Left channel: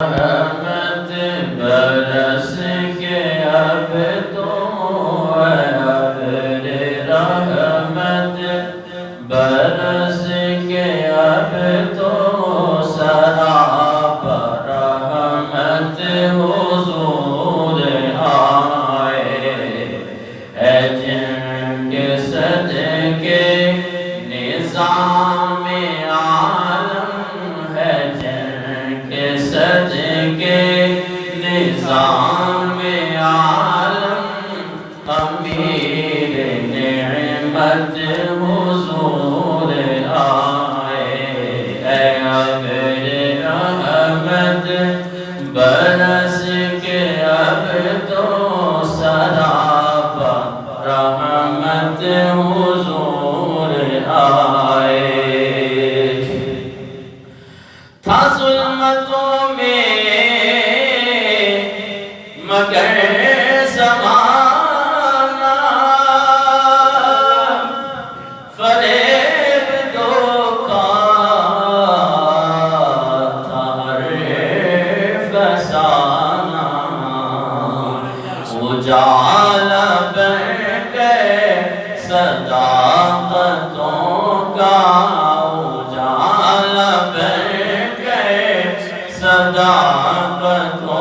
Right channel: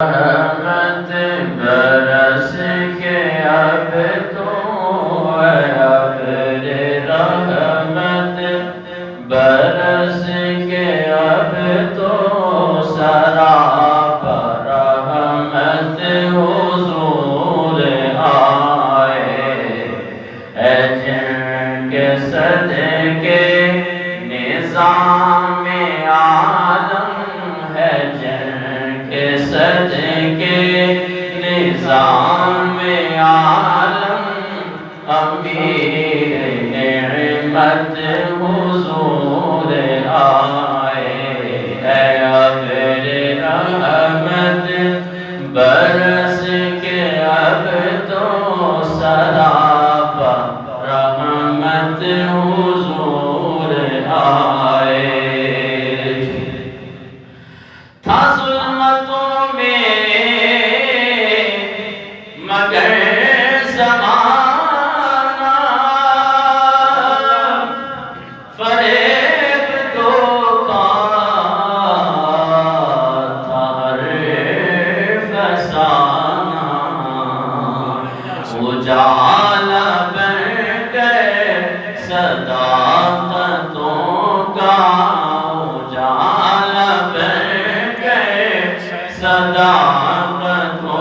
رحمت برس کے اب تو ابر رحمت برس کے اب تو سراپا رحمت حضور آئے ہے جن کے صدقے نظام عالم ہے جن کے صدقے نظام عالم امیر نعمت حضور آئے اے ابر رحمت برس کے اب تو سراپا رحمت حضور آئے تھا ظلمتوں میں مگر زمانہ فریب دھوکا تھا ہر فسانہ اجالا بن گئے صداقتوں کا اجالا بن گئے صداقتوں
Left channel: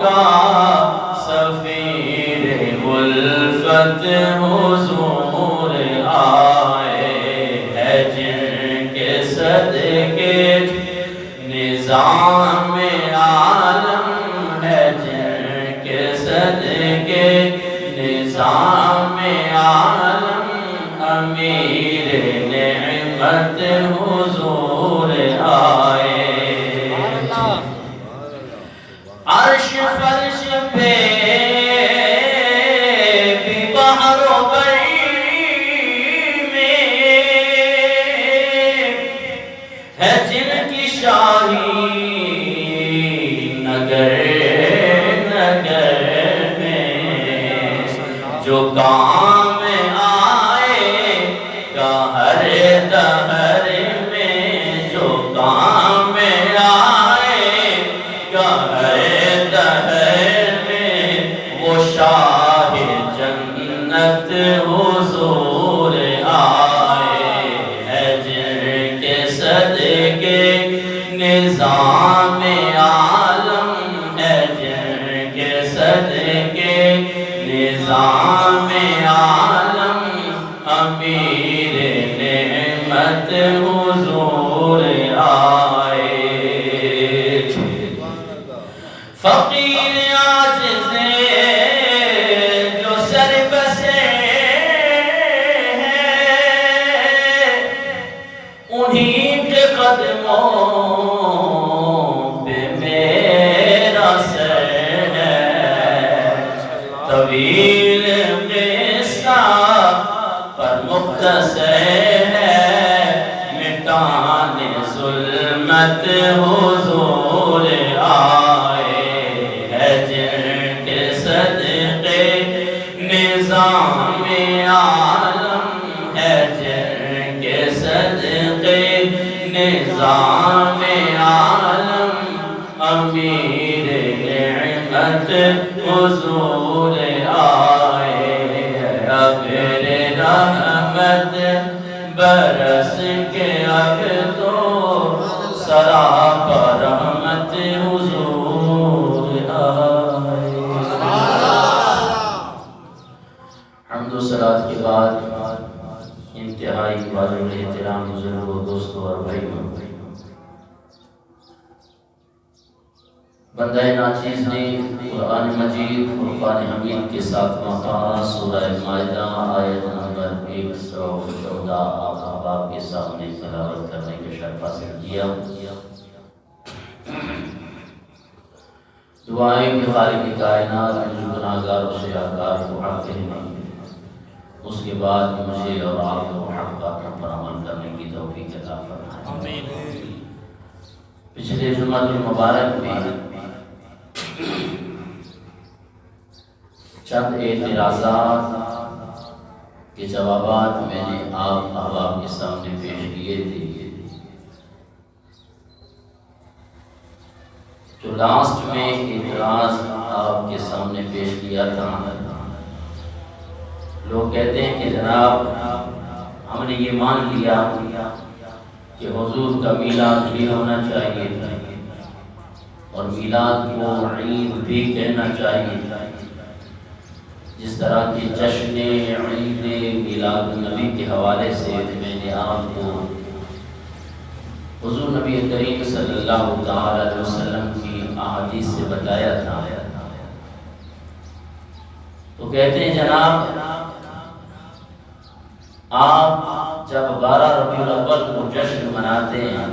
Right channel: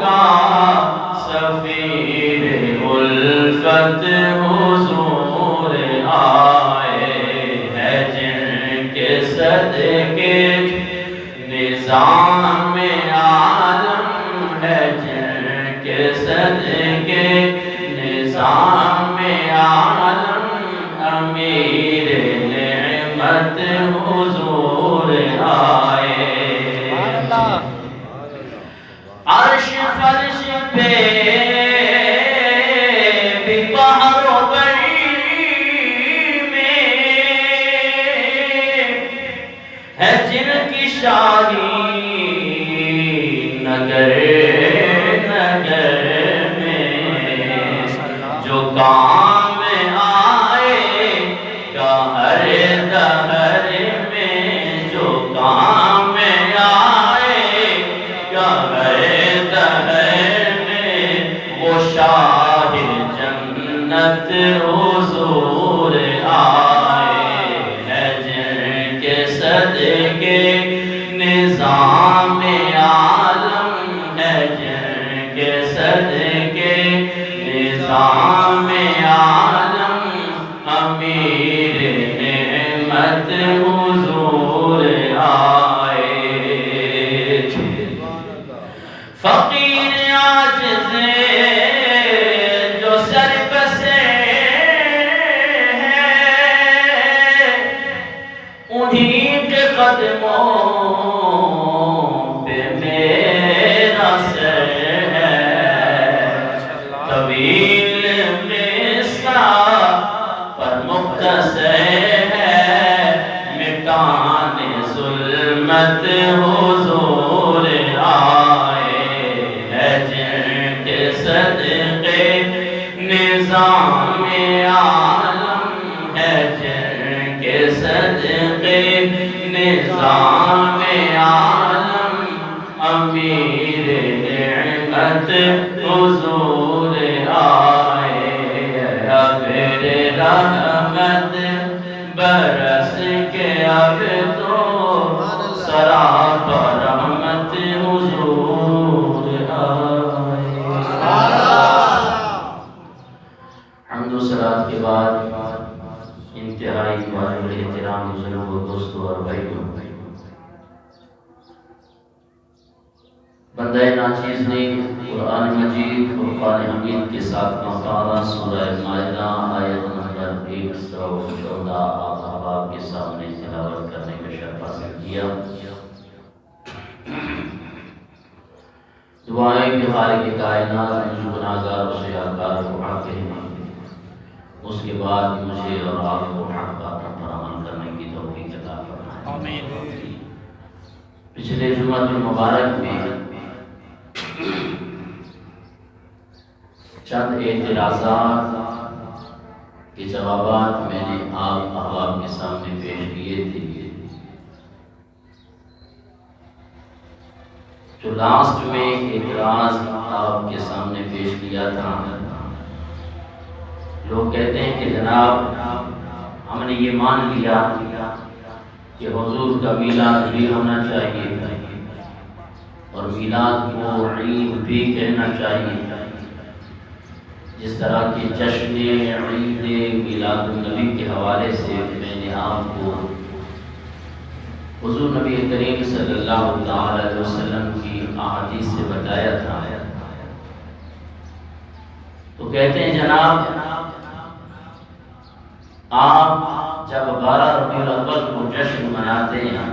کا سفیر الفت حضور آئے ہے جن کے صدقے نظام عالم ہے جن کے صدقے نظام عالم امیر نعمت حضور آئے عرش فرش پہ بھی بحر و بری میں ہے جن کی شاہی نگر نگر میں جو کام آئے گا ہر دہر میں جو کام آئے گا ہر دہر میں وہ شاہ جنت حضور آئے ہے جن کے صدقے نظام عالم ہے جن کے صدقے نظام عالم امیر نعمت حضور آئے فقیر عاجز جو سر بسے ہیں انہیں کے قدموں پہ میرا سر ہے طویل قصہ پر مختصر ہے مٹانے ظلمت حضور آئے ہے جن کے صدقے نظام عالم ہے جن کے صدقے نظام عالم امیر نعمت حضور آئے ابر رحمت برس کے اب تو سراپا رحمت حضور آئے حمد و صلوات کے بعد انتہائی واجب احترام بزرگوں دوستوں اور بھائیوں بندہ ناچیز نے قرآن مجید فرقان حمید کے ساتھ پارہ سورہ مائدہ آیت نمبر 114 آپ احباب کے سامنے تلاوت کرنے کا شرف حاصل کیا دعائیں کہ خالق کائنات مجھ گناہگار سے آکار کو حق کہنے اس کے بعد مجھے اور آپ کو حق باتوں پر عمل کرنے کی توفیق عطا فرمائے پچھلے جمعہ المبارک میں چند اعتراضات کے جوابات میں نے آپ احباب کے سامنے پیش کیے تھے جو لاسٹ میں ایک اعتراض آپ کے سامنے پیش کیا تھا، لوگ کہتے ہیں کہ جناب ہم نے یہ مان لیا کہ حضور کا میلاد بھی ہونا چاہیے اور میلاد کو عید بھی کہنا چاہیے، جس طرح کے جشن عید میلاد النبی کے حوالے سے میں نے آپ کو حضور نبی کریم صلی اللہ تعالی علیہ وسلم کی احادیث سے بتایا تھا، تو کہتے ہیں جناب آپ جب 12 ربیع الاول کو جشن مناتے ہیں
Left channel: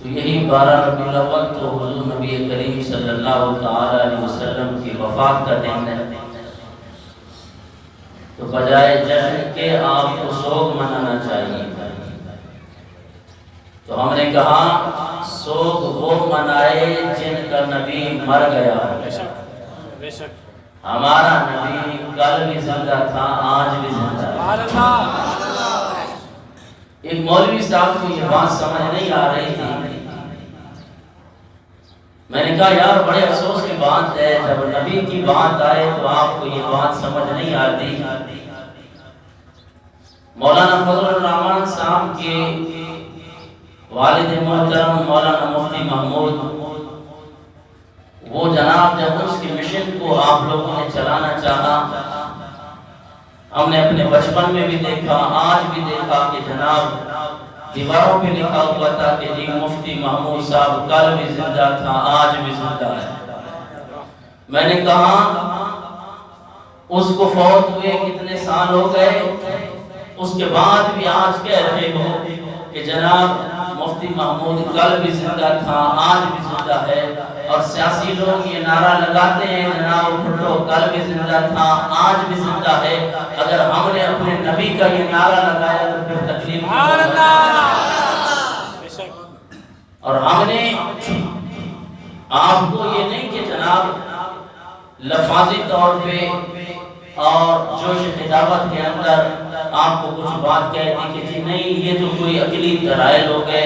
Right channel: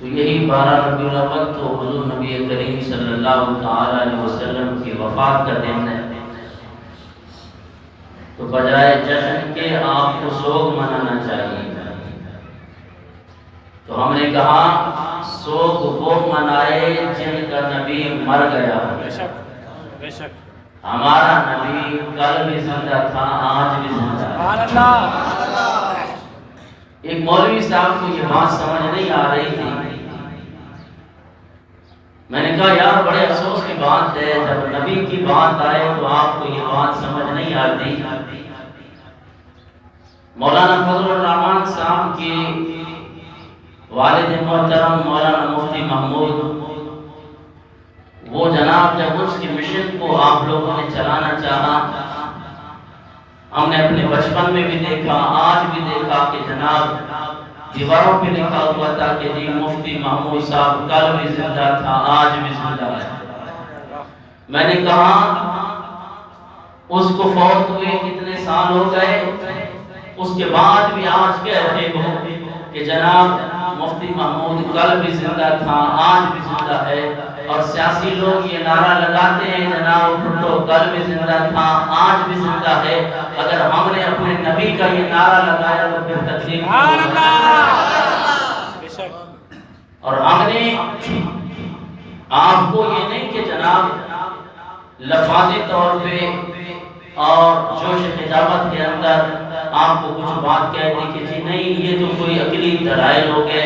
تو یہی 12 ربیع الاول تو حضور نبی کریم صلی اللہ تعالی علیہ وسلم کی وفات کا دن ہے، تو بجائے جشن کے آپ کو سوگ منانا چاہیے۔ تو ہم نے کہا سوگ وہ منائے جن کا نبی مر گیا، ہمارا نبی کل بھی زندہ تھا، آج بھی زندہ ہے۔ ایک مولوی صاحب کو یہ بات سمجھ نہیں آ رہی تھی، میں نے کہا یار بڑے افسوس کی بات ہے، جب نبی کی بات آئے تو آپ کو یہ بات سمجھ نہیں آتی۔ مولانا فضل الرحمان صاحب کے والد محترم مولانا مفتی محمود، وہ جناب جب اس کی مشن کو آپ لوگوں نے چلانا چاہا، ہم نے اپنے بچپن میں بھی دیکھا، آج بھی دیکھا کہ جناب دیواروں پہ لکھا ہوا تھا کہ جی مفتی محمود صاحب کل بھی زندہ تھا، آج بھی زندہ ہے۔ میں نے کہا اس کو فوت ہوئے کتنے سال ہو گئے، اس کے بعد بھی آج کہہ رہے ہو کہ جناب مفتی محمود کل بھی زندہ تھا، آج بھی زندہ ہے، اور سیاسی لوگ یہ نعرہ لگاتے ہیں جناب بھٹو کل بھی زندہ تھا، آج بھی زندہ ہے۔ اگر ہم نے اپنے نبی کا یہ نعرہ لگایا تو پھر تکلیف اور ہم نے آپ کو یہ نہیں کہ جناب لفاظی طور پہ اور جوش خطابت کے اندر آپ کو کچھ بات کہہ دی کہ جی نہیں یہ تو کوئی عقلی دلائل ہو گئے،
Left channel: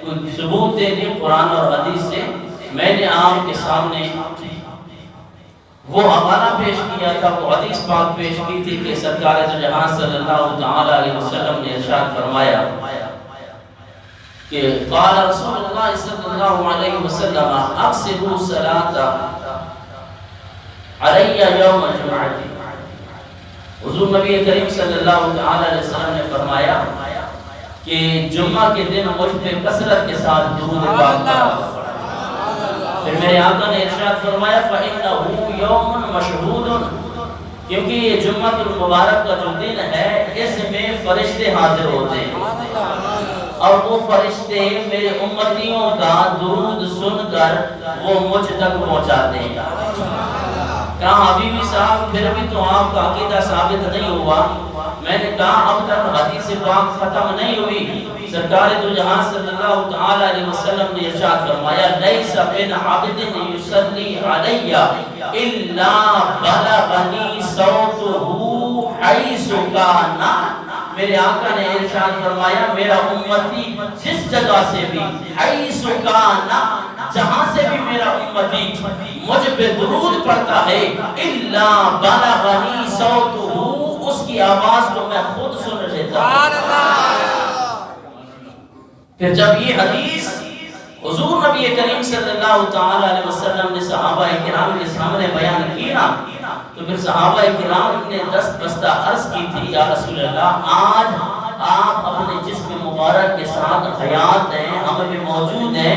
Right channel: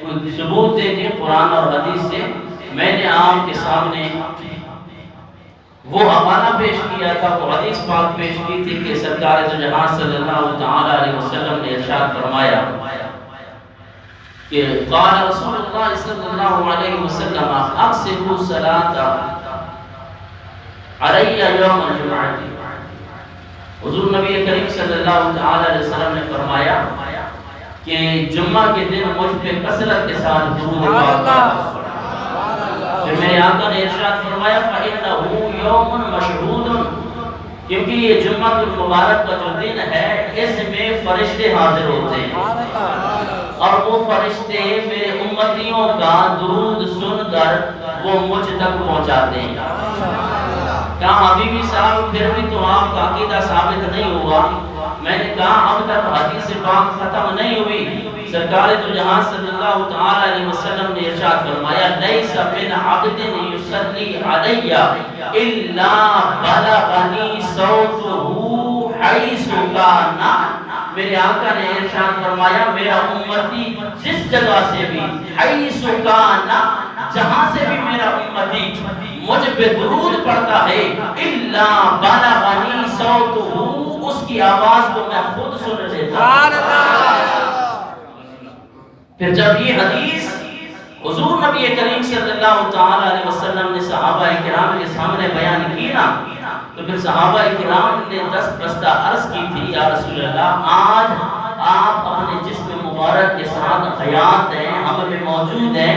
کوئی ثبوت دے دیں قرآن اور حدیث سے۔ میں نے آپ کے سامنے وہ حوالہ پیش کیا تھا، وہ حدیث پاک پیش کی تھی کہ سرکار دو جہاں صلی اللہ تعالی علیہ وسلم نے ارشاد فرمایا کہ قال رسول اللہ صلی اللہ علیہ وسلم اقصروا الصلاۃ علی یوم الجمعہ۔ حضور نبی کریم صلی اللہ تعالی علیہ وسلم نے فرمایا کہ جمعہ کے دن مجھ پہ کثرت کے ساتھ درود پاک پڑھا۔ پھر میرے آقا نے ارشاد فرمایا فَإِنَّهُ يَوْمٌ مَشْهُودٌ، کیونکہ یہ جمعہ المبارک کا جو دن ہے اس میں فرشتے حاضر ہوتے ہیں اور وہ فرشتے میرے امتیوں کا درود سن کر وہ مجھ تک پہنچاتے ہیں۔ کہا حبیبی صاحب پھر بھی تو آپ کا عقیدہ ثابت نہیں ہوا۔ میں نے کہا اب تک حدیث پاک ختم نہیں ہوئی۔ سرکار دو جہاں صلی اللہ تعالی علیہ وسلم نے ارشاد فرمایا لیس من عبد یصلی علی الا بلغنی صوتہ حیث کان۔ میرے آقا نے ارشاد فرمایا میرا امتی جس جگہ سے بھی حیث کان، جہاں سے بھی میرا امتی مجھ پہ درود پڑھتا ہے الا بلغنی صوتہ، اس کی آواز کو میں خود سن لیتا ہوں۔ پھر جب یہ حدیث حضور نبی کریم صلی اللہ تعالی علیہ وسلم نے صحابہ کرام کے سامنے بیان کی نا، تو پھر صحابہ کرام نے دست بستہ عرض کی تھی یا رسول اللہ آج آپ اپنے جسم مبارک کے ساتھ حیات ہیں، ہم میں موجود ہیں۔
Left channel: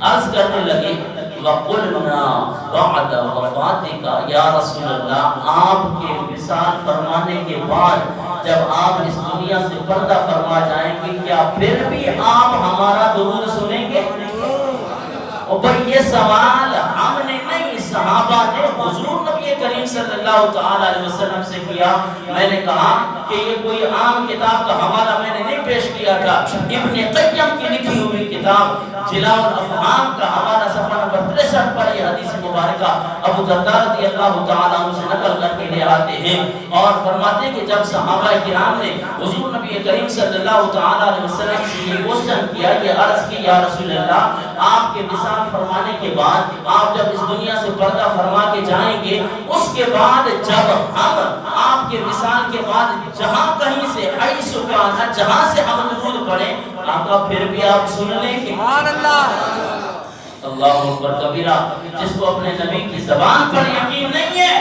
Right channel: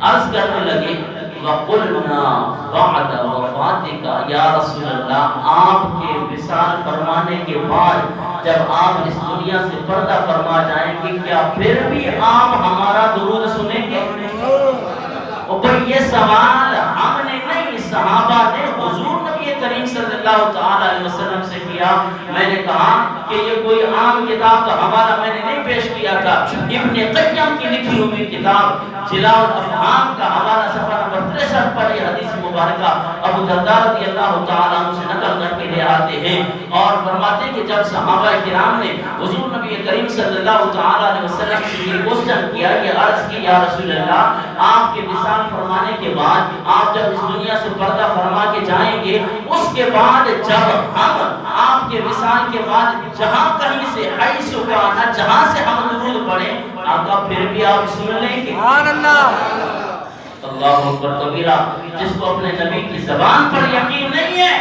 عرض کرنے لگے وَقُلْنَا بَعْدَ وَفَاتِكَ یا رسول اللہ، آپ کے وصال فرمانے کے بعد جب آپ اس دنیا سے پردہ فرما جائیں گے کیا پھر بھی آپ ہمارا درود سنیں گے؟ اور بھئی یہ سوال ہم نے نہیں، صحابہ نے حضور نبی کریم صلی اللہ تعالی علیہ وسلم سے کیا۔ میں نے کہا کہ یہ کوئی عام کتاب کا حوالہ میں نے نہیں پیش کیا تھا، ابن قیم کی لکھی ہوئی کتاب جلاء الافہام کا حوالہ صفحہ نمبر 63 پر یہ حدیث مبارکہ ابو درداء رضی اللہ تعالیٰ عنہ سے نقل کر کے لے آتے ہیں اور فرماتے ہیں کہ جب صحابہ کرام نے حضور نبی کریم صلی اللہ تعالیٰ علیہ وسلم سے یہ کوشچن کیا، یہ عرض کی یا رسول اللہ آپ کے وصال فرمانے کے بعد آپ جب اس دنیا سے پردہ فرما کے جائیں گے، اس کے بعد جب ہم آپ کے وصال کے بعد جہاں کہیں سے حیث کانا جہاں سے ہم درود پڑھیں آقا پھر بھی آپ سن لیں گے؟ سبحان اللہ، اللہ اکبر کبیرہ۔ جس کو اپنے نبی کی زبان پر یقین نہیں ہے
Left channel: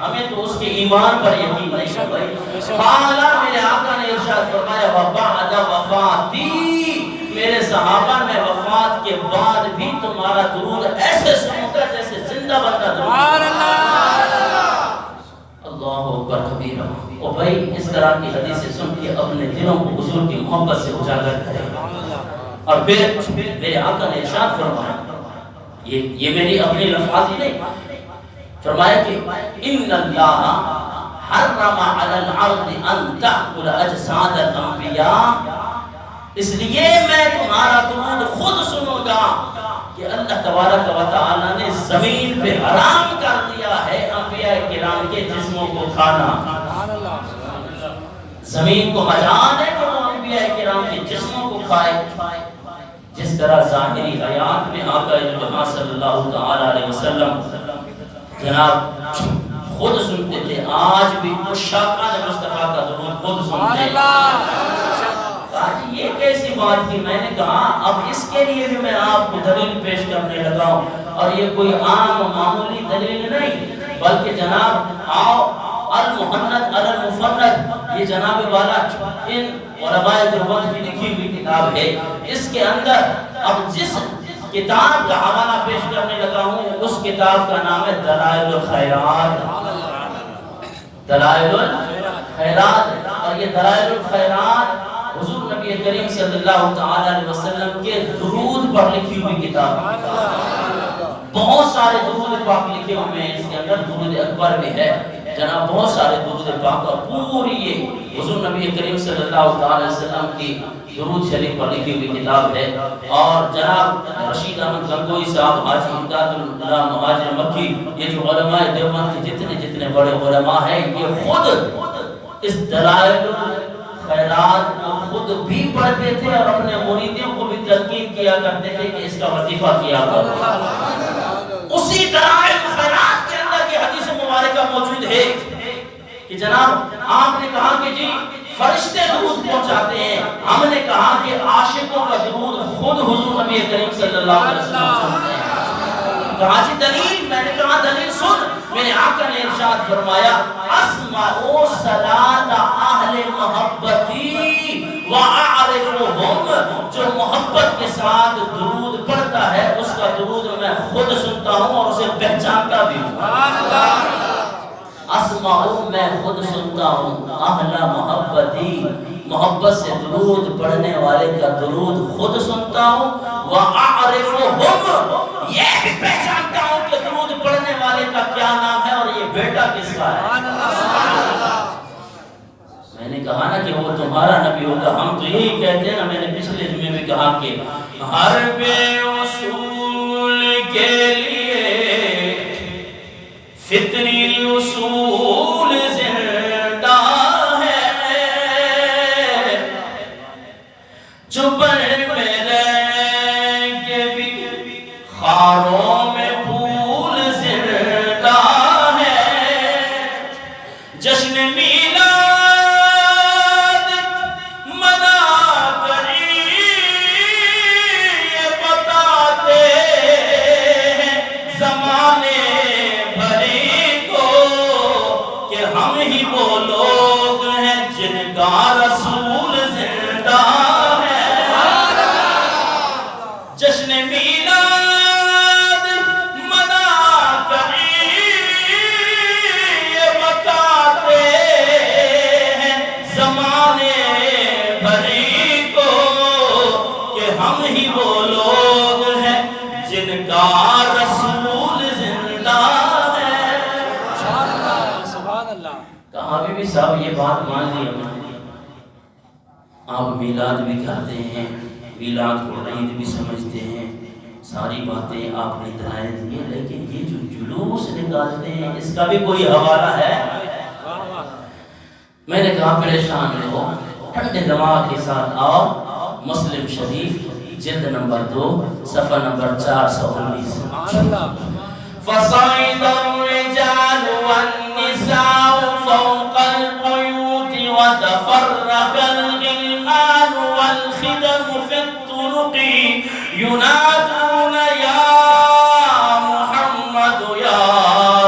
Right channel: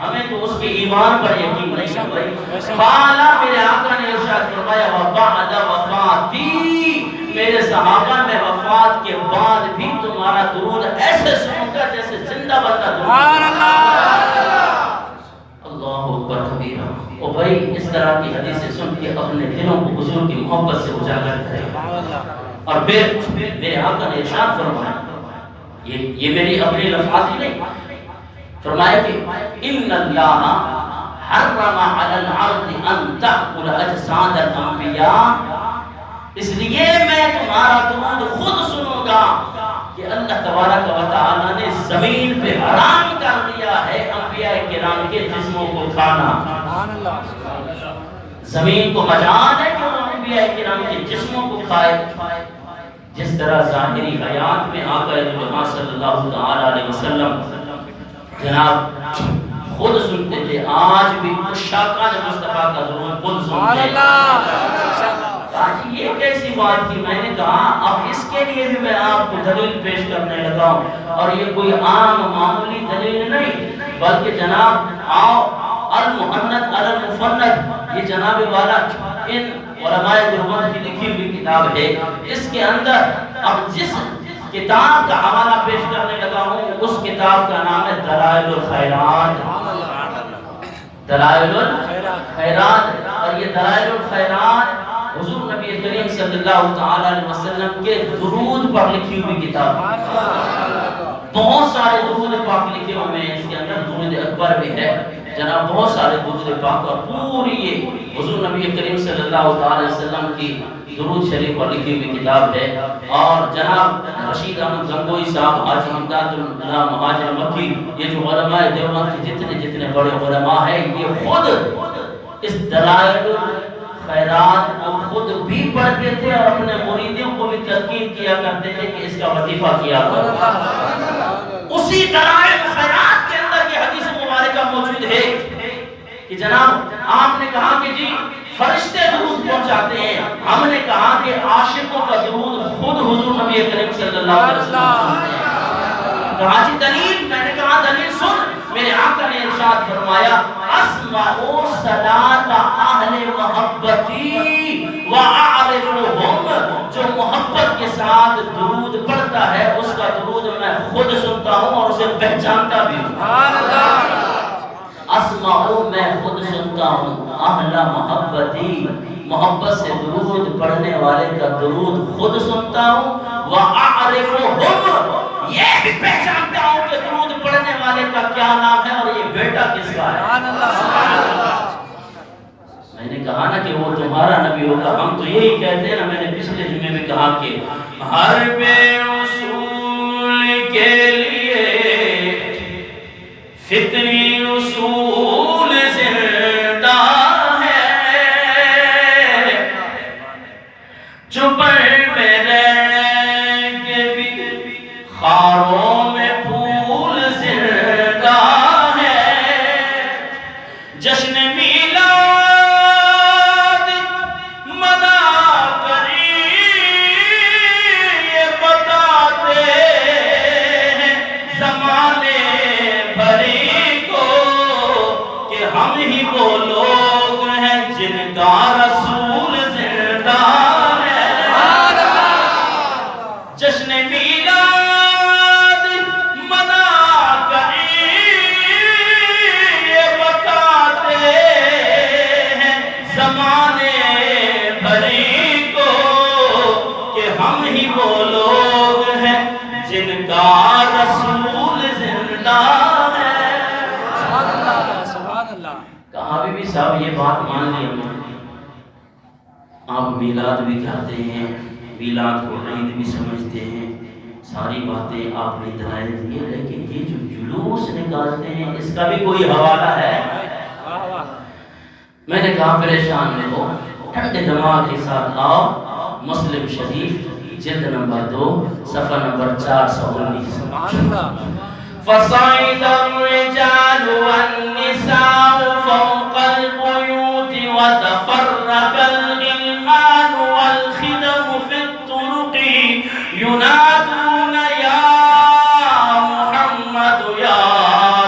ہمیں تو اس کے ایمان پر یقین نہیں ہے بھائی۔ قالا، میرے آقا نے ارشاد فرمایا وَبَعْدَ وَفَاتِي، میرے صحابہ میں وفات کے بعد بھی تمہارا درود ایسے سنوں گا جیسے زندہ بندہ درود۔ اللہ اکبر کبیرہ۔ او بھائی اس طرح کی حدیثیں سن کے اپنے دلوں کو حضور کی محبت سے اجاگر کرے۔ اور پھر میرے آقا نے ارشاد فرمایا، یہ میری اپنی لفظ ہی نہیں، فرمایا کہ ان اللہ حرم علی الارض ان تأکل اجساد الانبیاء، اس لیے میں تمہارا درود خود سنوں گا کہ اللہ تبارک و تعالی نے زمین پہ حرام کر دیا ہے انبیاء کرام کے جسموں کو کھانا۔ زمین کو مجال ہے کہ وہ انبیاء کرام کے جسموں کو کھائے۔ جس طرح ظاہری حیات میں آقا جہاں صلی اللہ تعالی علیہ وسلم جناب خود سنتے تھے، آج بھی عشاقان مصطفیٰ کا درود خود سنتے ہیں۔ آج یہ کیسی بات کی، میں نے کہا اب اس کے لیے بھی میں آپ کو دلیل پیش کرنے لگا ہوں، اور یہ کوئی عام معمولی دلیل نہیں بلکہ جناب آؤ المحند المفند، یہ جناب والا ان علماء دیوبند کی لکھی ہوئی کتاب ہے۔ اس کے اندر اب جس کتاب کا حوالہ پیش کرنے لگا ہوں اس کتاب کا نام ہے دلائل الخیرات۔ دلائل الخیرات، اور یہ دلائل الخیرات حضور نبی کریم صلی اللہ تعالی علیہ وسلم کے درود پر لکھی ہوئی کتاب۔ بہت سارے درود پاک لکھے ہوئے ہیں، اس کے اندر درود اکبر بھی ہے جناب، بہت سارے درود پاک، اور پوری یہ حضور نبی کریم صلی اللہ تعالی علیہ وسلم کی درود شریف پر لکھی ہوئی کتاب ہے۔ اور جناب رشید احمد گنگوئی صاحب، حاجی امداد اللہ مہاجر مکی، یہ جو علماء دیوبند کے جتنے بڑے علماء ہیں، یہ خود اس دلائل الخیرات کو خود بھی پڑھتے تھے اور اپنے مریدوں کو بھی تلقین کیا کرتے تھے کہ اس کا وظیفہ کیا کرو۔ اسی دلائل الخیرات کے اندر یہ حدیث مبارکہ موجود ہے کہ جناب آپ نے کہا کہ جی فرشتے درود پہنچاتے ہیں، ہم نے کہا کہ عاشقوں کا درود خود حضور نبی کریم صلی اللہ علیہ وسلم سنتے ہیں۔ کہا جی دلیل، میں نے کہا دلیل سن۔ میرے آقا نے ارشاد فرمایا اسمعوا صلاۃ اہل محبتی واعرفهم، جو محبت کے ساتھ درود پڑھتا ہے اس کا درود میں خود سنتا ہوں اور اسے پہچانتا بھی ہوں۔ اسمعوا، میں خود سنتا ہوں، اہل محبتی، محبت سے درود پڑھنے والے کا درود خود سنتا ہوں، وَأَعْرِفُهُمْ، یہ بھی پہچانتا ہوں کہ درود پڑھنے والے کا کیا نام ہے اور یہ بیٹا کس کا ہے۔ میں نے کہا نا کہ وہ تمہارا نبی ہوگا، ہم تو یہی کہتے ہیں نا، میں نے پچھلے جمعے میں کہا کہ ہر بے اصول کے لیے فطری اصول زندہ ہے، جو بڑھ میں رہ کے بھی خاروں میں پھول زندہ ہے، جشن میلاد منا کری یہ بتاتے ہیں زمانے بھری کو کہ ہم ہی وہ لوگ ہیں جن کا رسول زندہ ہے۔ جشن میلاد منا کری یہ بتاتے ہیں زمانے بھری کو کہ ہم ہی وہ لوگ ہیں جن کا رسول زندہ ہے۔ کہاں بھی صاحب یہ بات مان لی ہم، آپ میلاد بھی کرتے ہیں، میلاد کو عید بھی سمجھتے ہیں، ساری باتیں آپ نے دلائل دیے، لیکن یہ جو جلوس نکالتے ہیں اس کا بھی کوئی حوالہ ہے؟ میں نے کہا پریشان نہ ہو، ٹھنڈے دماغ کے ساتھ آؤ، مسلم شریف جلد نمبر 2 صفحہ نمبر 419۔ فصعد الرجال والنساء فوق البيوت وتفرق الغلمان والخدم في الطرق ينادون يا محمد يا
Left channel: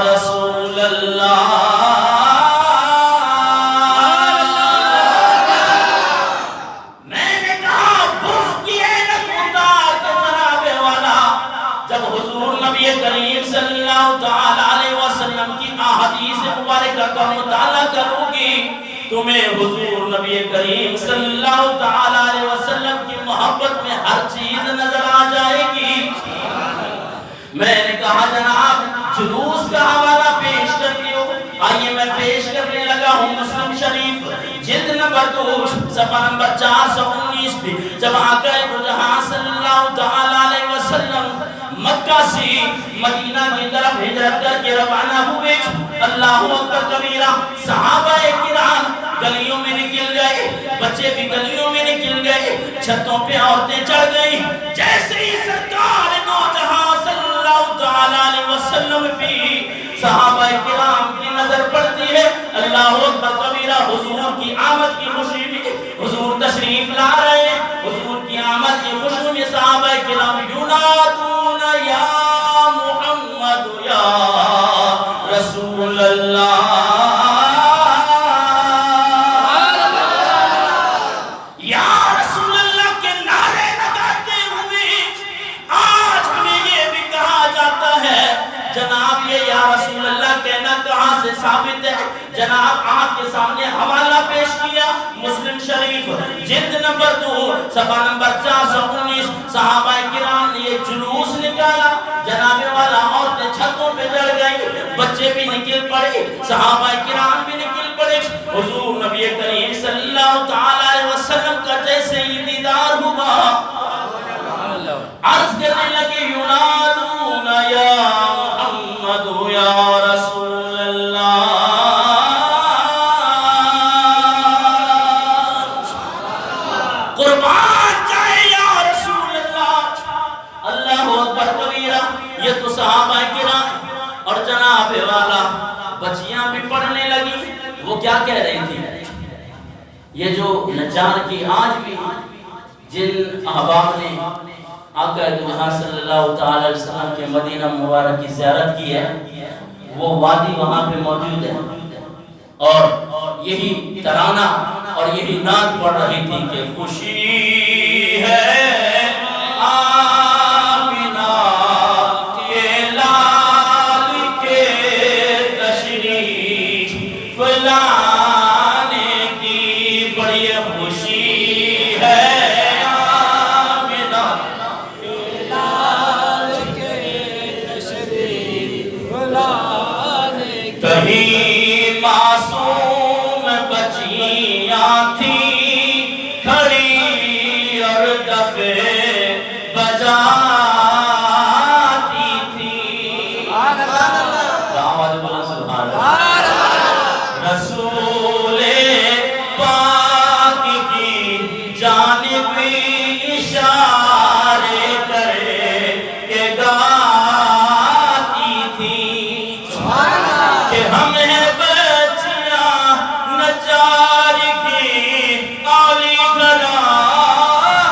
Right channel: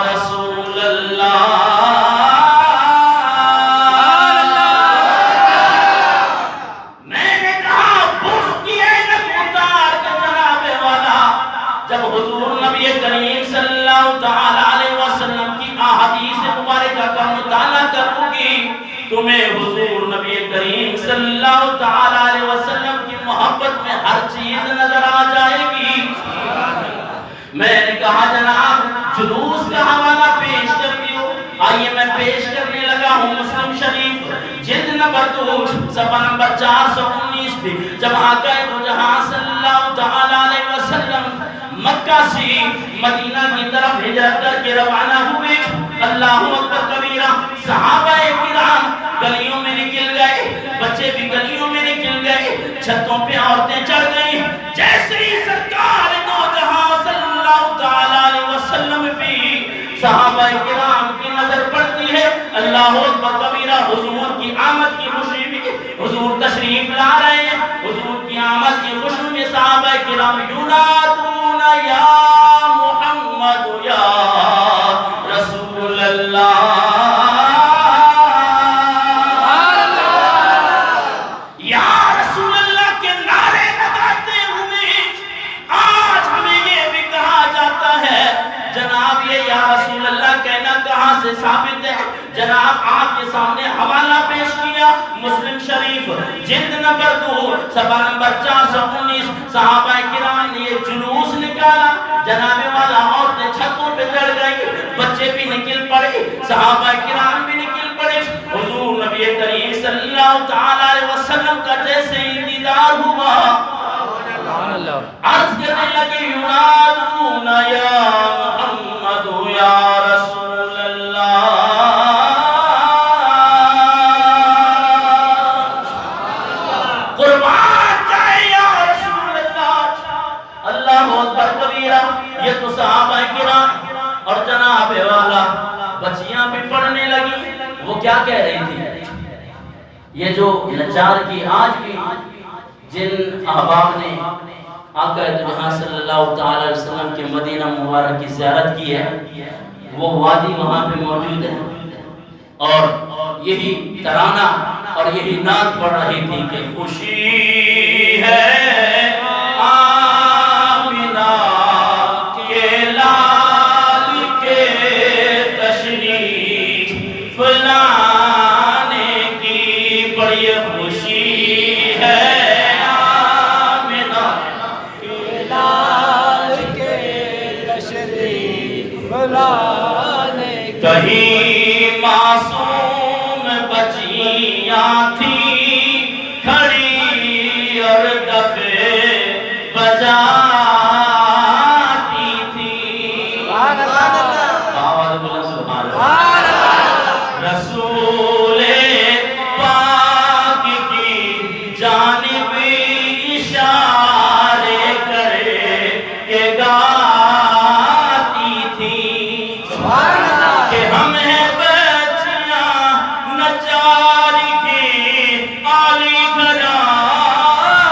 رسول الله۔ میں نے کہا بس کی عینک اتار کے جناب والا، جب حضور نبی کریم صلی اللہ تعالی علیہ وسلم کی احادیث مبارکہ کا مطالعہ کروں گی، تمہیں حضور نبی کریم صلی اللہ تعالی علیہ وسلم کی محبت میں ہر چیز نظر آ جائے گی۔ میں نے کہا جناب جلوس کا حوالہ پیش کرتی ہوں، آئیے میں پیش کرنے لگا ہوں مسلم شریف جلد نمبر 2 صفحہ نمبر 419 پہ، جب آقا دو جہاں صلی اللہ تعالی علیہ وسلم مکہ سے مدینہ کی طرف ہجرت کر کے روانہ ہوئے، اللہ اکبر کبیرہ، صحابہ کرام گلیوں میں نکل گئے، بچے بھی گلیوں میں نکل گئے، چھتوں پہ عورتیں چڑھ گئی۔ جیسے ہی سرکار دو جہاں صلی اللہ تعالی علیہ وسلم پہ صحابہ کرام کی نظر پڑتی ہے، اللہ اکبر کبیرہ، حضور کی آمد کی خوشی میں حضور تشریف لا رہے ہیں، حضور کی آمد کی خوشی میں صحابہ کرام ینادون یا محمد یا رسول اللہ، یا رسول اللہ کے نعرے لگاتے ہوئے آج ہمیں یہ بھی کہا جاتا ہے۔ جناب یہ یا رسول اللہ کہنا کہاں سے ثابت ہے؟ جناب آپ کے سامنے حوالہ پیش کیا مسلم شریف جلد نمبر 2 صفحہ نمبر 419، صحابہ کرام نے یہ جلوس نکالا، جناب والا عورتیں چھتوں پہ چڑھ گئی، بچے بھی نکل پڑے، صحابہ کرام بھی نکل پڑے، حضور نبی کریم صلی اللہ تعالی علیہ وسلم کا جیسے ہی دیدار ہوا، عرض کرنے لگے ینادون یا محمد یا رسول اللہ، قربان جائے یا رسول اللہ۔ اللہ اکبر کبیرہ، یہ تو صحابہ کرام اور جناب والا بچیاں بھی پڑھنے لگی۔ وہ کیا کہہ رہی تھی؟ یہ جو نجار کی آج بھی جن احباب نے آقا جہاں صلی اللہ تعالی علیہ وسلم کے مدینہ مبارک کی زیارت کی ہے، وہ وادی وہاں پہ موجود ہے، اور یہی ترانہ اور یہی نعت پڑھ رہی تھی کہ خوشی ہے آمینہ کے لال کے تشریف لانے کی، بڑی خوشی ہے کہیں معصوم بچیاں تھیں کھڑی اور دفے بجاتی تھیں، رسول پاک کی جانب اشارے کرے کہ گاتی تھی کہ ہم ہیں بچیاں نجار کی عالی گھرانے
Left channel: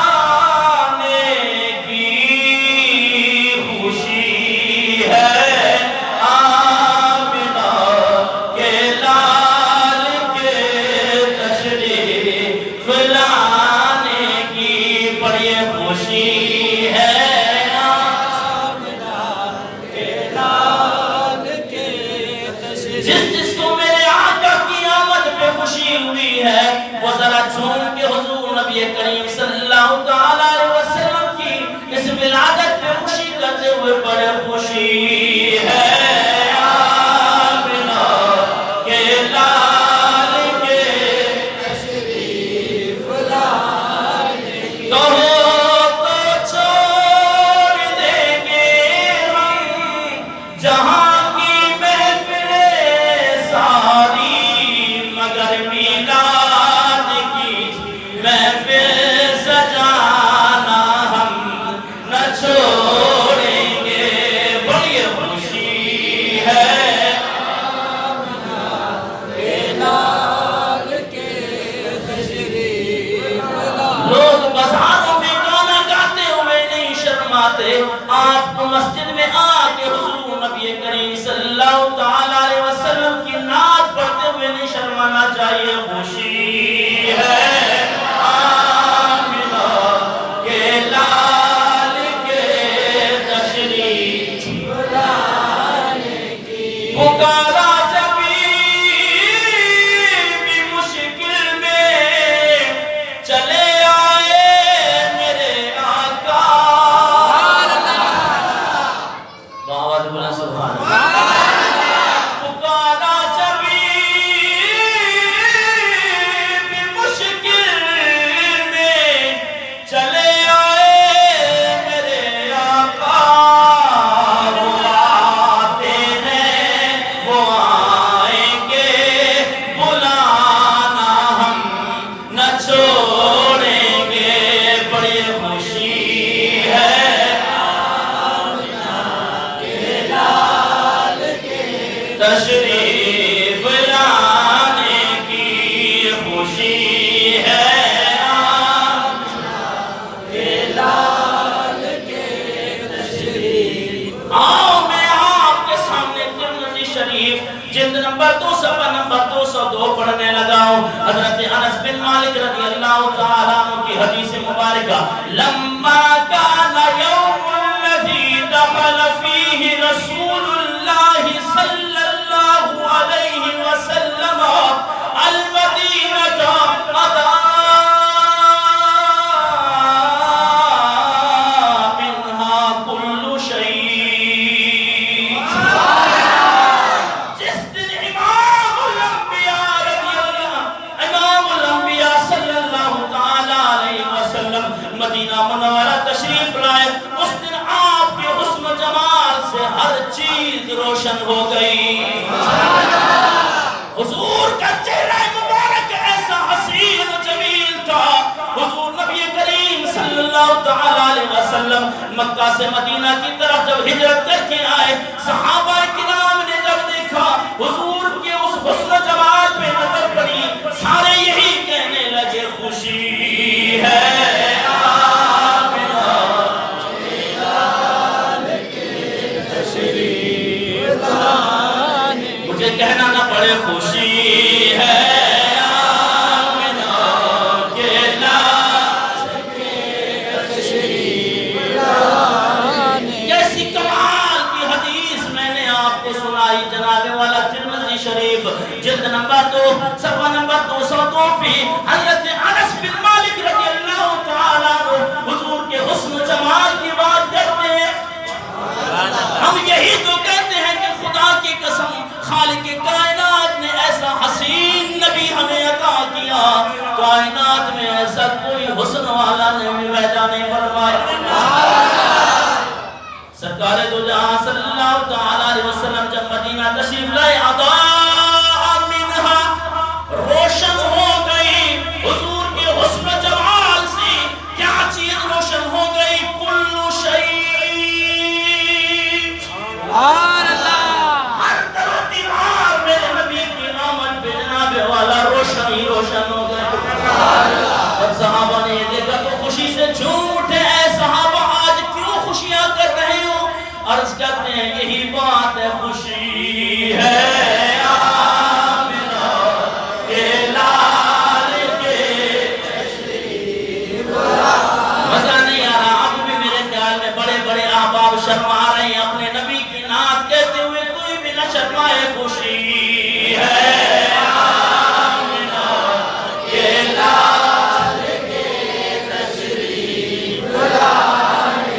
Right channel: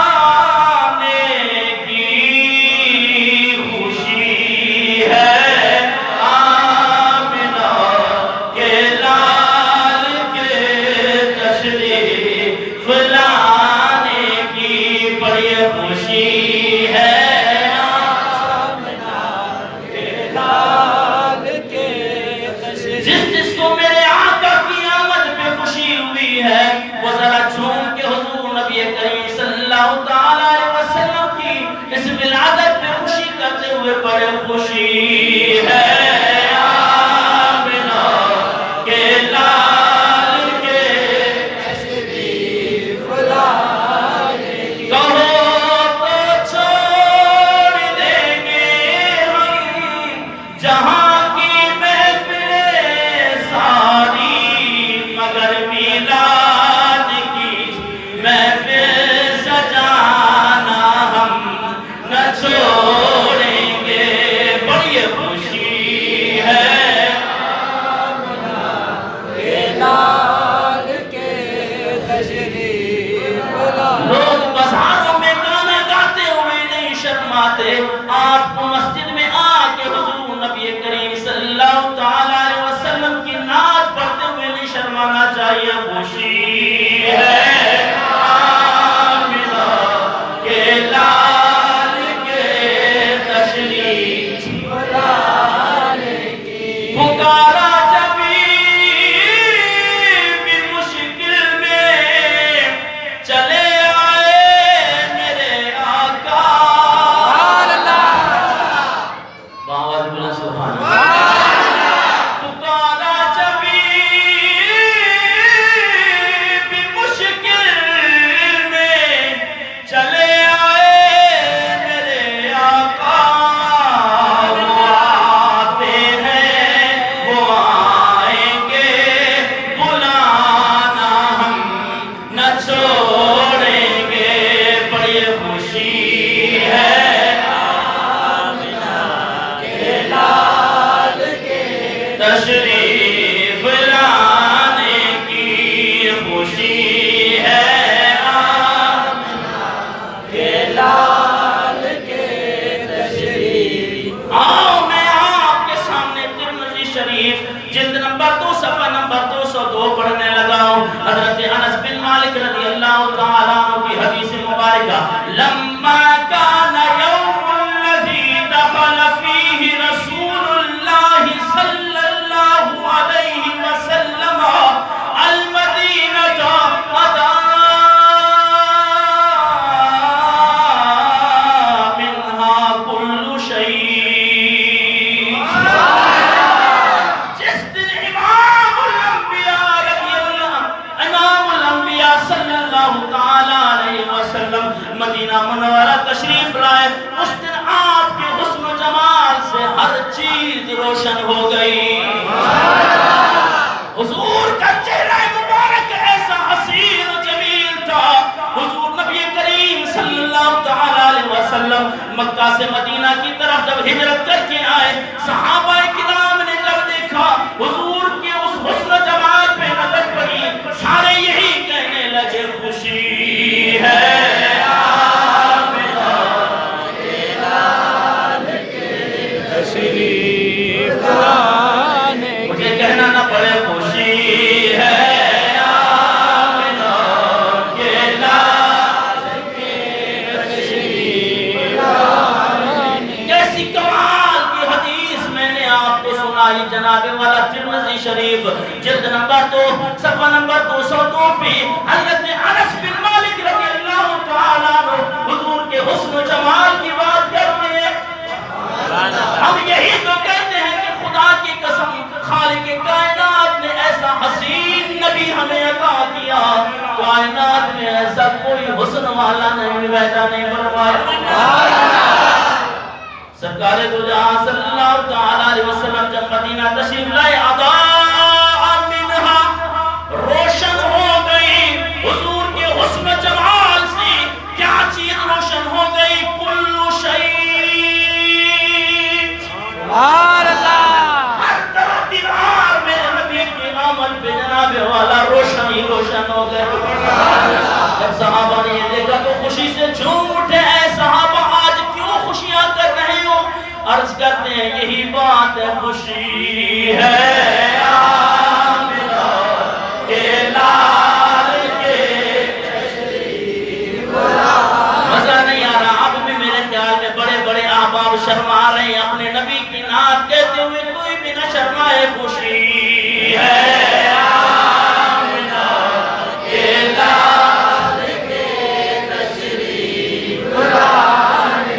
کی، خوشی ہے آمینہ کے لال کے تشریف لانے کی، بڑی خوشی ہے جس کو میرے آقا کی آمد پہ خوشی ہوئی ہے، وہ ذرا جھوم کے حضور نبی کریم صلی اللہ تعالی علیہ وسلم کی اس ولادت پہ خوشی کرتے ہوئے بڑے خوشی ہے آمینہ کے لال کے تشریف لانے کی، کہو تو چھوڑ دیں گے ہم جہاں کی محفلیں ساری، مگر میلاد آپ کو مسجد میں آ کے حضور نبی کریم صلی اللہ تعالیٰ علیہ وسلم کی نعت پڑھتے ہوئے نہیں شرمانا چاہیے. خوشی ہے آمنہ کے لال کے تشریف لانے کی. پکارا تشریف لانے کی. خوشی ہے آمنہ کے لال کے تشریف. آؤ میں آپ کے سامنے ترمذی شریف جلد نمبر 2 صفحہ نمبر 202 پڑھنے لگا ہوں. حضرت انس بن مالک رضی اللہ تعالیٰ عنہ کی حدیث مبارکہ. لما کان یوم الذی دخل فیہ رسول اللہ صلی علیہ وسلم المدینہ ادا منہا کل شیء. جس دن امام الانبیاء صلی اللہ تعالیٰ علیہ وسلم مدینہ منورہ تشریف لائے، اس دن آپ کے حسن و جمال سے ہر چیز روشن ہو گئی. حضور کا چہرہ مبارک ایسا حسین و جمیل تھا. حضور نبی کریم صلی اللہ تعالیٰ علیہ وسلم مکہ سے مدینہ کی طرف جب ہجرت کر کے آئے، صحابہ کرام نے جب دیکھا حضور کے اس حسن و جمال پہ نظر پڑی، سارے یہی کہنے لگے خوشی ہے کہنا نہ پڑے. خوشی ہے آمنہ کے لال کے تشریف لانے. کیسی کمال کی حدیث میں نے آپ کو سنائی جناب والا. ترمذی شریف جلد نمبر 2 صفحہ نمبر 202 پہ حضرت انس بن مالک رضی اللہ تعالیٰ عنہ حضور کے حسن و جمال کی بات کرتے ہیں. ہم یہی تو کہتے ہیں کہ خدا کی قسم خالق کائنات نے ایسا حسین نبی ہمیں عطا کیا، کائنات میں ایسا کوئی حسن والا نبی پیدا نہیں فرمایا. سرکار دو جہاں صلی اللہ تعالیٰ علیہ وسلم جب مدینہ تشریف لائے، اضاء منہا روشن ہو گئی. حضور کے حسن و جمال سے کیا چیز روشن ہو گئی؟ کل شیء. ہر طرف دیوار میرے نبی کی آمد پہ جناب والا روشن ہی روشن ہو گئے. اور صحابہ نے یہ دیکھا تو خوشی سے جھوم اٹھے. اے صحابہ آج کیوں خوشیاں کر رہے ہو؟ عرض کرتے ہیں یہی بات ہے، خوشی ہے آمنہ کے لال کے تشریف لانے. مزہ نہیں آ رہا. اب بھی میرے خیال میں بڑے بڑے احباب شرما رہے ہیں اپنے نبی کی نعت کہتے ہوئے. کوئی بھی نہ شرمائے. خوشی ہے آمنہ کے لال کے تشریف لانے.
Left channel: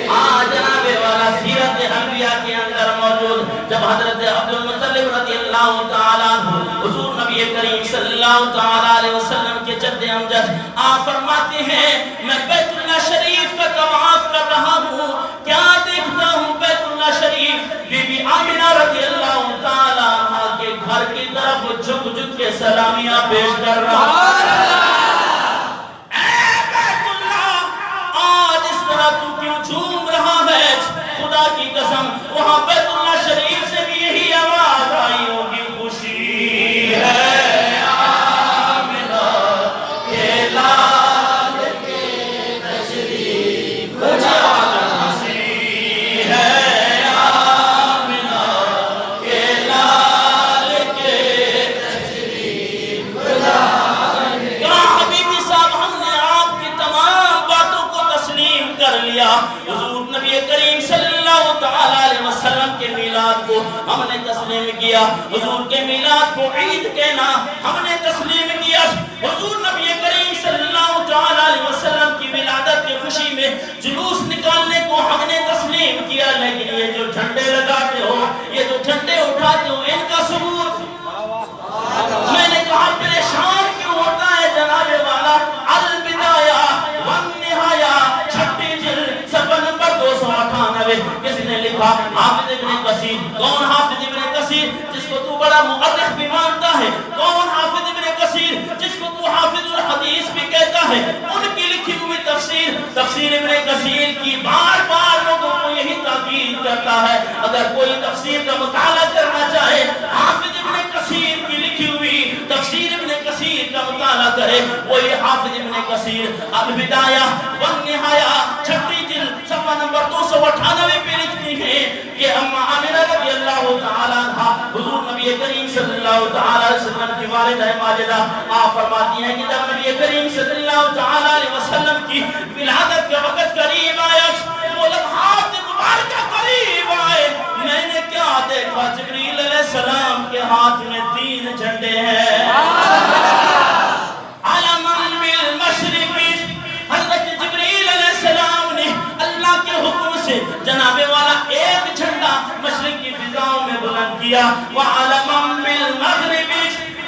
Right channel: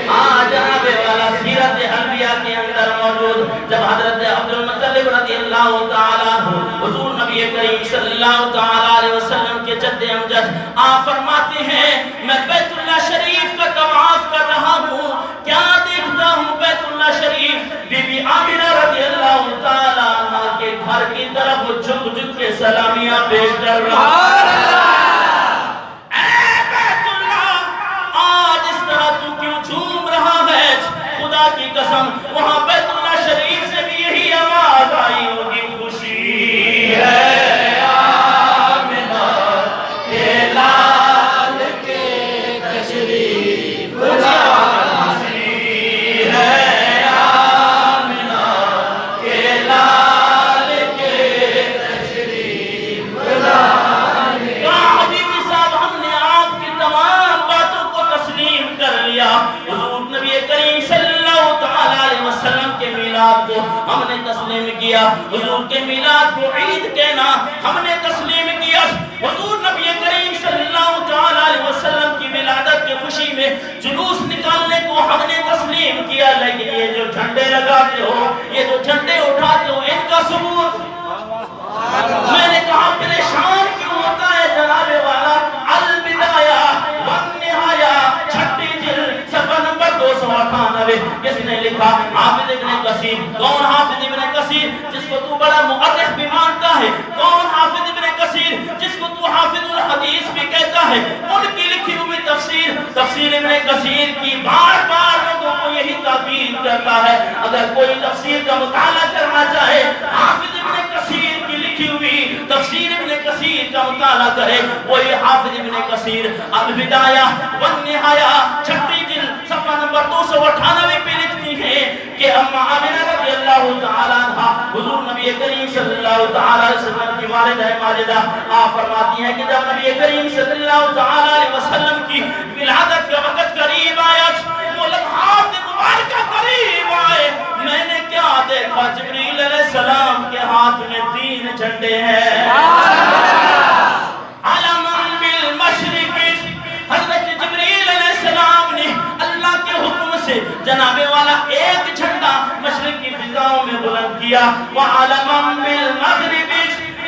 جناب والا سیرت انبیاء کے اندر موجود جب حضرت عبد المطلب رضی اللہ تعالیٰ عنہ حضور نبی کریم صلی اللہ تعالیٰ علیہ وسلم کے جد امجد آپ فرماتے ہیں میں بیت اللہ شریف کا طواف کر رہا ہوں، کیا دیکھتا ہوں؟ بیت اللہ شریف بی بی آمنہ رضی اللہ تعالیٰ عنہ کے گھر کی طرف جھک جھک کے سلامیاں پیش کر رہا ہوں. اے بیت اللہ، آج اس طرح تو کیوں جھوم رہا ہے؟ خدا کی قسم وہاں بیت اللہ شریف سے بھی یہی آواز آئی ہوگی، خوشی ہے آمنہ کے لال کے تشریف لانے. خوشی ہے میلاد کو ہم نے تسلیم کیا، حضور کے میلاد کو عید کہنا ہم نے تسلیم کیا، حضور نبی کریم صلی اللہ علیہ وسلم کی ولادت کی خوشی میں جلوس نکالنے کو ہم نے تسلیم کیا، لیکن یہ جو جھنڈے لگاتے ہو، یہ جو جھنڈے اٹھاتے ہو، ان کا ثبوت میں نے کہا پریشان کیوں ہوتا ہے جناب والا؟ البدایہ والنہایہ چھٹی جلد صفحہ نمبر 298 کس نے لکھا؟ حافظ ابن کثیر۔ کون حافظ ابن کثیر؟ جس کو تو بڑا مؤرخ بھی مانتا ہے۔ کون حافظ ابن کثیر؟ جس کو تو حافظ الحدیث بھی کہتا ہے۔ ان کی لکھی ہوئی تفسیر ابن کثیر کی بار بار لوگوں کو یہی تاکید کرتا ہے، اگر کوئی تفسیر کا مطالعہ کرنا چاہے حافظ ابن کثیر کی لکھی ہوئی تفسیر ابن کثیر کا مطالعہ کرے، وہی حافظ ابن کثیر البدایہ والنہایہ چھٹی جلد صفحہ نمبر 298 پہ لکھتی ہیں کہ اما آمنہ رضی اللہ تعالیٰ عنہ حضور نبی کریم صلی اللہ علیہ وسلم کی والدہ ماجدہ آپ فرماتی ہیں کہ جب نبی کریم صلی اللہ علیہ وسلم کی ولادت کا وقت قریب آیا، وہ لمحات مبارکہ قریب آئے، میں نے کیا دیکھا؟ جبریل علیہ السلام کے ہاتھ میں 3 جھنڈے ہیں، علماً بالمشرق، حضرت جبریل علیہ السلام نے اللہ کے حکم سے جناب والا ایک جھنڈا مشرق کی فضاؤں میں بلند کیا، وعلماً بالمغرب،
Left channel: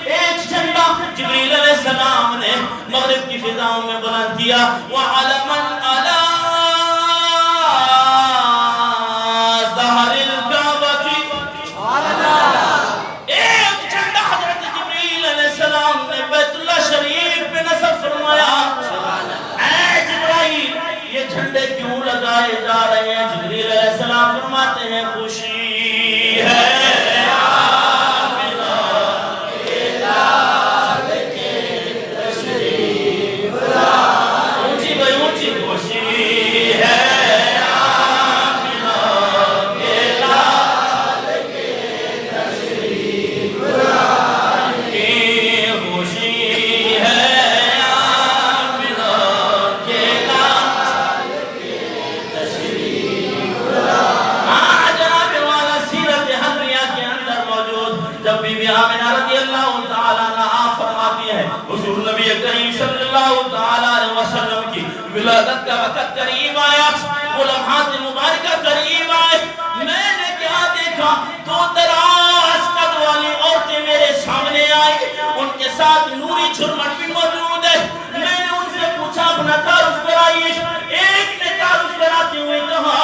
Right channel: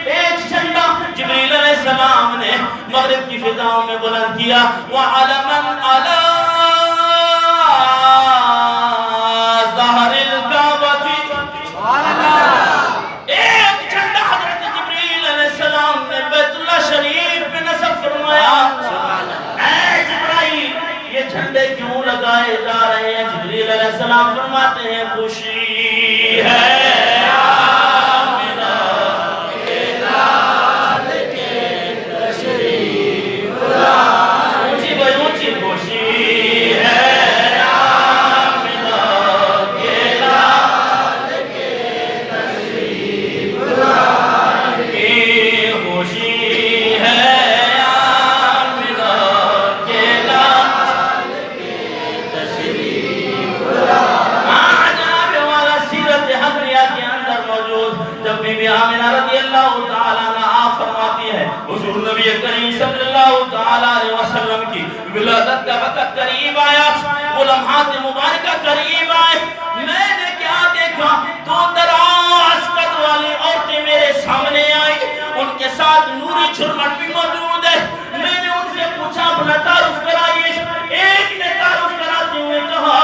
ایک جھنڈا جبریل علیہ السلام نے مغرب کی فضاؤں میں بلند کیا، وعلماً علی ظہر الکعبۃ، ایک جھنڈا حضرت جبریل علیہ السلام نے بیت اللہ شریف پہ نصب فرمایا۔ اے جبرائیل، یہ جھنڈے کیوں لگائے جا رہے ہیں؟ جبریل علیہ السلام فرماتے ہیں خوشی ہے ولادت کا وقت قریب آیا، وہ لمحات مبارکہ قریب آئے، میں نے کیا دیکھا؟ 2 دراز قد والی عورتیں میرے سامنے آئی، ان کے ساتھ نوری جھرمٹ بھی موجود ہے۔ میں نے ان سے پوچھا اپنا تعارف کرائیے، ایک نے تعارف کراتے ہوئے کہا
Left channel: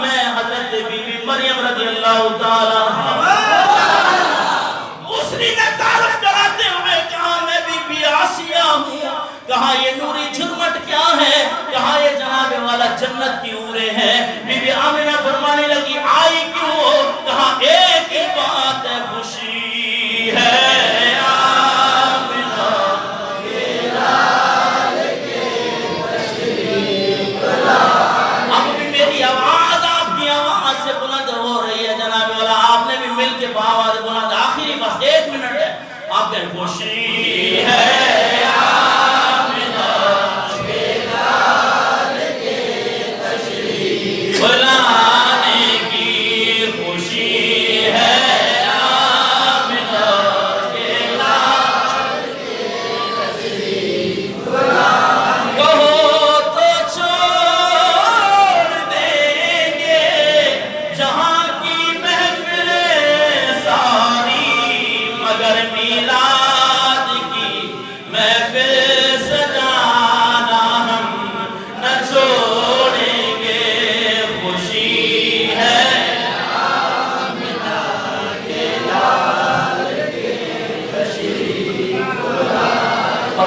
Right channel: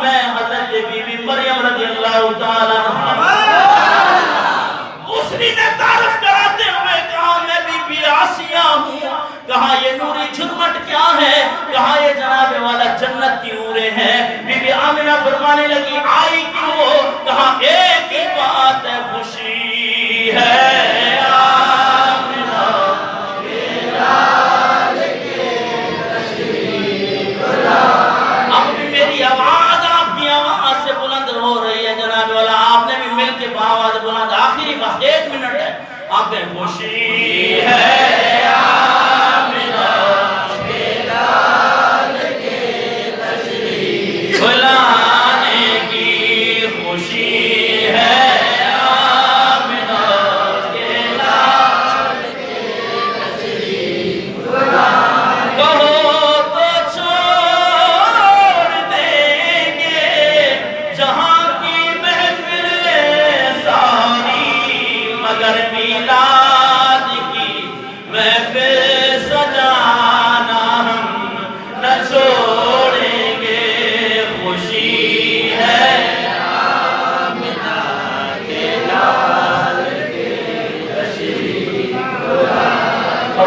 میں حضرت بی بی مریم رضی اللہ تعالیٰ عنہا۔ دوسری نے تعارف کراتے ہوئے کہا میں بی بی آسیہ ہوں۔ کہا یہ نوری جھرمٹ کیا ہے؟ کہا یہ جناب والا جنت کی حوریں ہیں۔ بی بی آمنہ فرمانے لگی آئی کیوں ہو؟ کہا ایک ہی بات ہے، خوشی ہے آمنہ کے لال کے تشریف لائی۔ اب بھی میری آواز آپ کی آواز سے بلند ہو رہی ہے جناب والا، آپ نے بھی مل کے آواز بلند، آخری بس 1 منٹ ہے، آپ نے خوشی ہے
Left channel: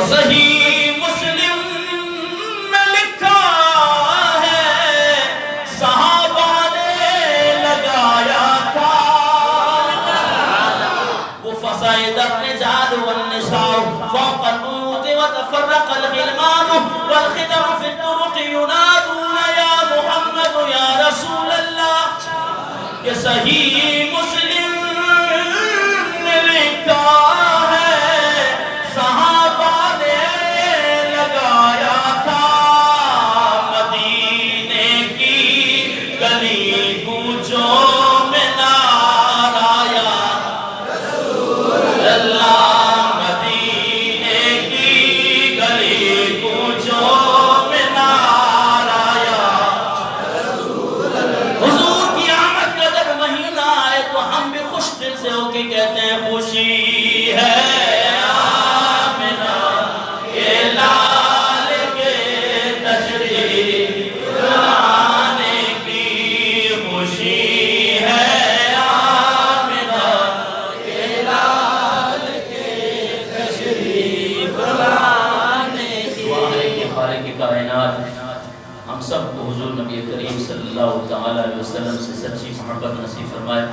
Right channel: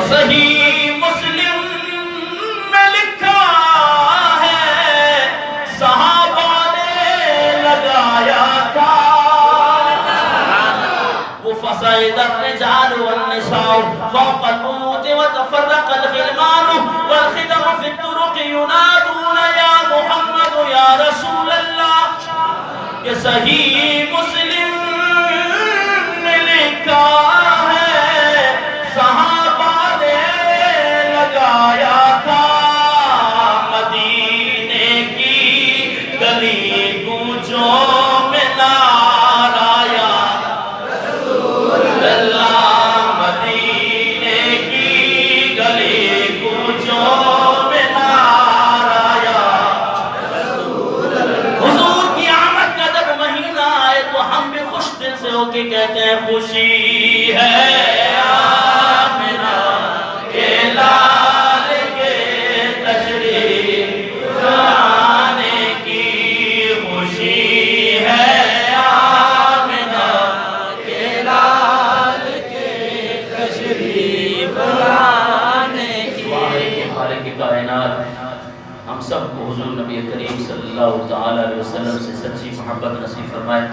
صحیح مسلم میں لکھا ہے صحابہ نے لگایا تھا وہ فصائد الرجال والنساء فوق البيوت وتفرق الغلمان والخدم في الطرق ينادون يا محمد يا رسول اللہ کہ صحیح مسلم میں لکھا مدینے کی گلی کوچوں میں سے ہو کے کہتے ہیں خوشی ہے آمنہ کے لال کے تشریف لانے کی، خوشی ہے آمنہ کے لال کے تشریف لانے کی۔ دعا ہے کہ خالق کائنات ہم سب کو حضور نبی کریم صلی اللہ تعالی علیہ وسلم سے سچی محبت نصیب فرمائے۔